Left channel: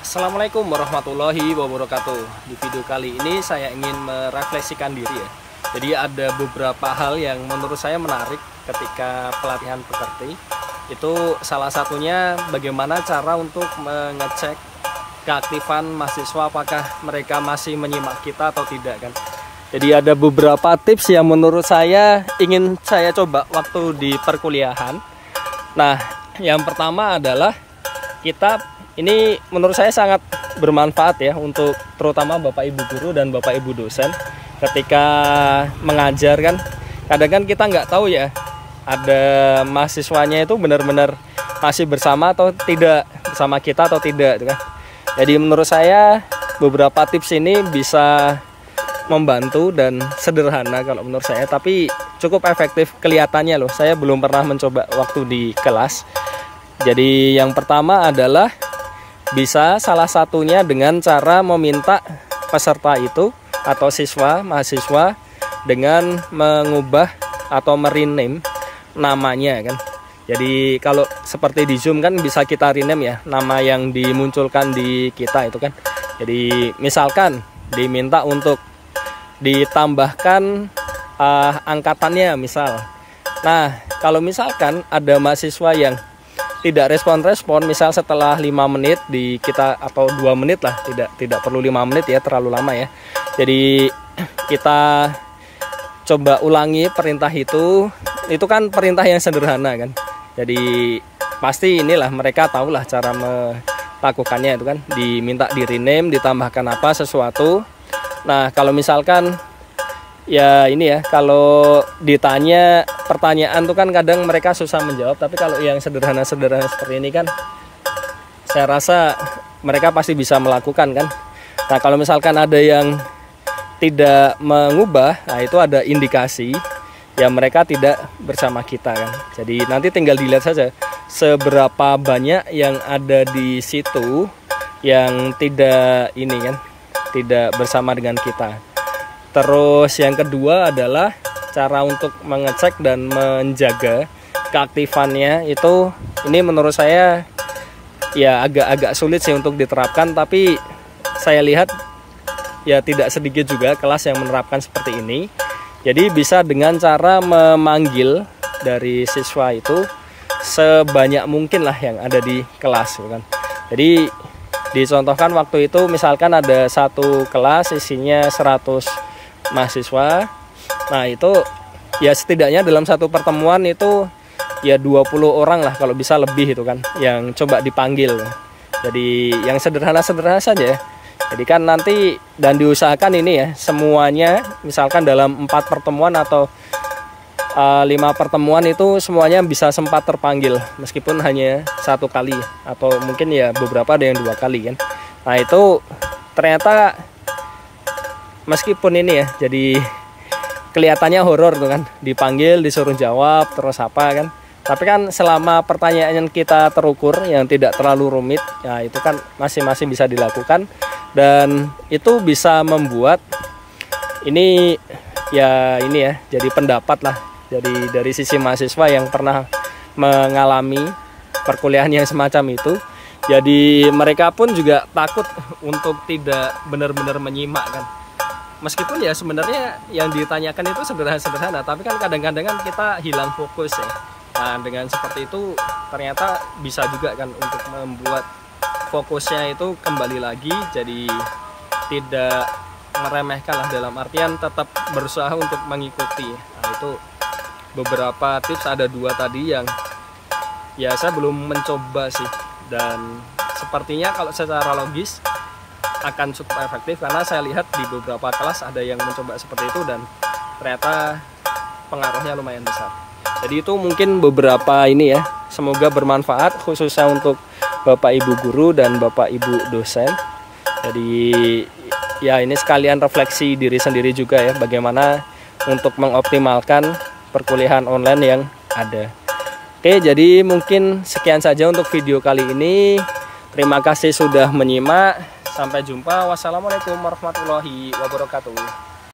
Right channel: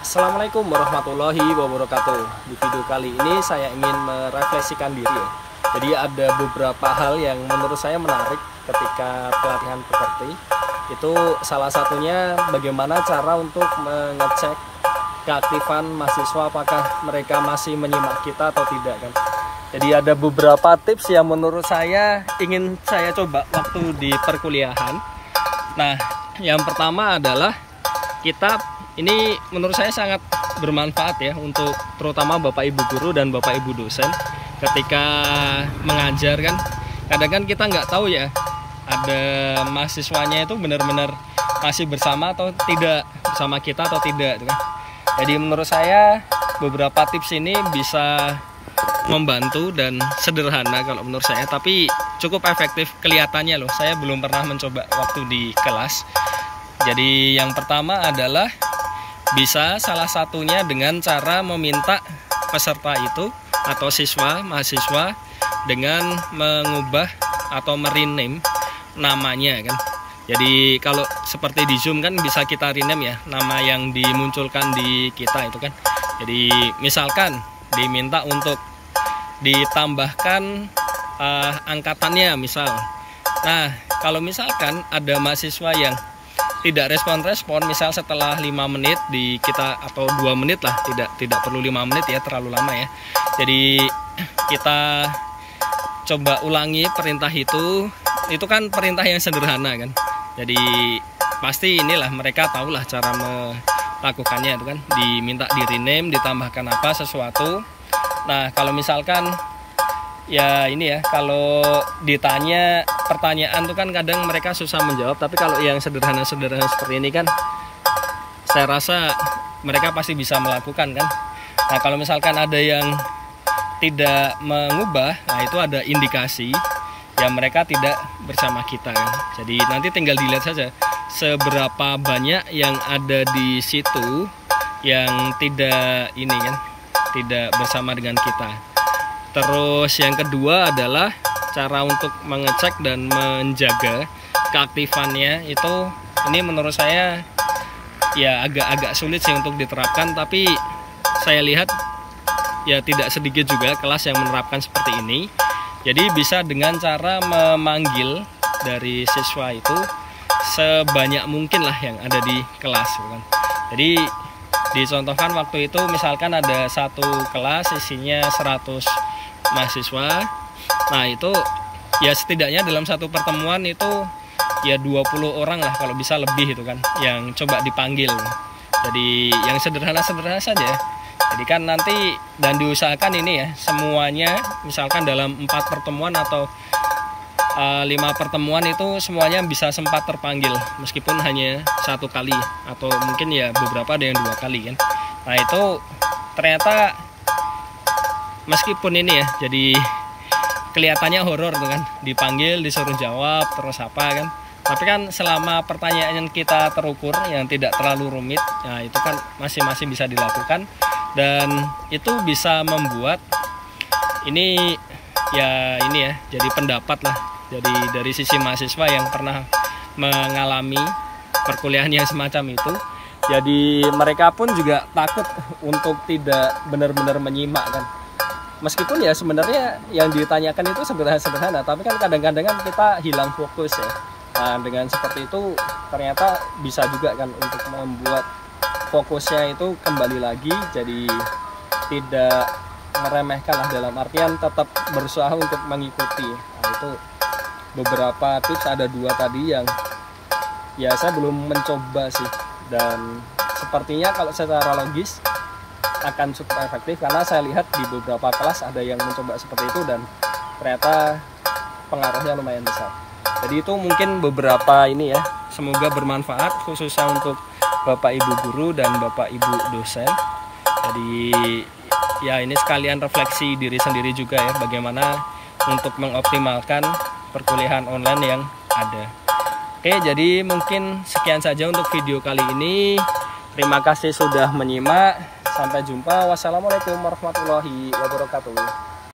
Assalamualaikum warahmatullahi wabarakatuh. Di video kali ini saya ingin merefleksikan diri ya. Jadi ada beberapa hal yang menurut saya menarik ketika pelatihan pekerti. Itu salah satunya bagaimana cara untuk mengecek keaktifan mahasiswa, apakah mereka masih menyimak kita atau tidak kan. Jadi ada beberapa tips yang menurut saya ingin saya coba waktu di perkuliahan. Nah, yang pertama adalah ini menurut saya sangat bermanfaat ya untuk terutama Bapak Ibu guru dan Bapak Ibu dosen ketika mengajar kan. Kadang kan kita nggak tahu ya ada mahasiswanya itu benar-benar masih bersama atau tidak, bersama kita atau tidak kan. Jadi menurut saya beberapa tips ini bisa membantu dan sederhana kalau menurut saya, tapi cukup efektif kelihatannya loh. Saya belum pernah mencoba waktu di kelas. Jadi yang pertama adalah bisa salah satunya dengan cara meminta peserta itu atau mahasiswa dengan mengubah atau merename namanya kan. Jadi kalau seperti di Zoom kan bisa kita rename ya nama yang dimunculkan di kita itu kan. Jadi misalkan diminta untuk ditambahkan angkatannya misal. Nah, kalau misalkan ada mahasiswa yang tidak respon, misal setelah 5 menit di kita atau 2 menit lah, tidak perlu 5 menit ya, terlalu lama ya. Jadi kita coba ulangi perintah itu kan perintah yang sederhana kan. Jadi pasti inilah mereka tahulah cara melakukannya itu kan, diminta di rename, ditambahkan apa sesuatu. Nah, kalau misalkan ya ini ya, kalau ditanya pertanyaan tuh kan kadang mereka susah menjawab, tapi kalau yang sederhana-sederhana seperti ini kan saya rasa mereka pasti bisa melakukan kan. Nah, kalau misalkan ada yang tidak mengubah, nah itu ada indikasi ya mereka tidak bersama kita kan. Jadi nanti tinggal dilihat saja seberapa banyak yang ada di situ yang tidak ini kan, tidak bersama dengan kita. Terus yang kedua adalah cara untuk mengecek dan menjaga keaktifannya itu, ini menurut saya ya agak sulit sih untuk diterapkan, tapi saya lihat ya tidak sedikit juga kelas yang menerapkan seperti ini. Jadi bisa dengan cara memanggil dari siswa itu sebanyak mungkin lah yang ada di kelas kan. Jadi dicontohkan waktu itu misalkan ada satu kelas isinya 100 mahasiswa. Nah, itu ya setidaknya dalam satu pertemuan itu ya 20 orang lah kalau bisa lebih itu kan yang coba dipanggil. Jadi yang sederhana-sederhana saja ya. Jadi kan nanti dan diusahakan ini ya semuanya misalkan dalam 4 pertemuan atau 5 pertemuan itu semuanya bisa sempat terpanggil meskipun hanya 1 kali atau mungkin ya beberapa ada yang 2 kali kan. Nah, itu ternyata meskipun ini ya jadi kelihatannya horor tuh kan, dipanggil disuruh jawab terus apa kan, tapi kan selama pertanyaan yang kita terukur yang tidak terlalu rumit ya itu kan masih bisa dilakukan, dan itu bisa membuat ini ya jadi pendapat lah jadi dari sisi mahasiswa yang pernah mengalami perkuliahan yang semacam itu. Jadi mereka pun juga takut untuk tidak benar-benar menyimak kan. Meskipun ya sebenarnya yang ditanyakan itu sederhana, tapi kan kadang-kadang kan kita hilang fokus ya. Nah, dengan seperti itu ternyata bisa juga kan untuk membuat fokusnya itu kembali lagi, jadi tidak meremehkan lah, dalam artian tetap berusaha untuk mengikuti. Nah, itu beberapa tips, ada 2 tadi yang ya saya belum mencoba sih, dan sepertinya kalau secara logis akan cukup efektif karena saya lihat di beberapa kelas ada yang mencoba seperti itu dan ternyata pengaruhnya lumayan besar. Jadi itu mungkin beberapa ini ya, semoga bermanfaat khususnya untuk Bapak Ibu guru dan Bapak Ibu dosen. Jadi ya ini sekalian refleksi diri sendiri juga ya, bagaimana untuk mengoptimalkan perkuliahan online yang ada. Oke, jadi mungkin sekian saja untuk video kali ini. Terima kasih sudah menyimak. Sampai jumpa. Wassalamualaikum warahmatullahi wabarakatuh.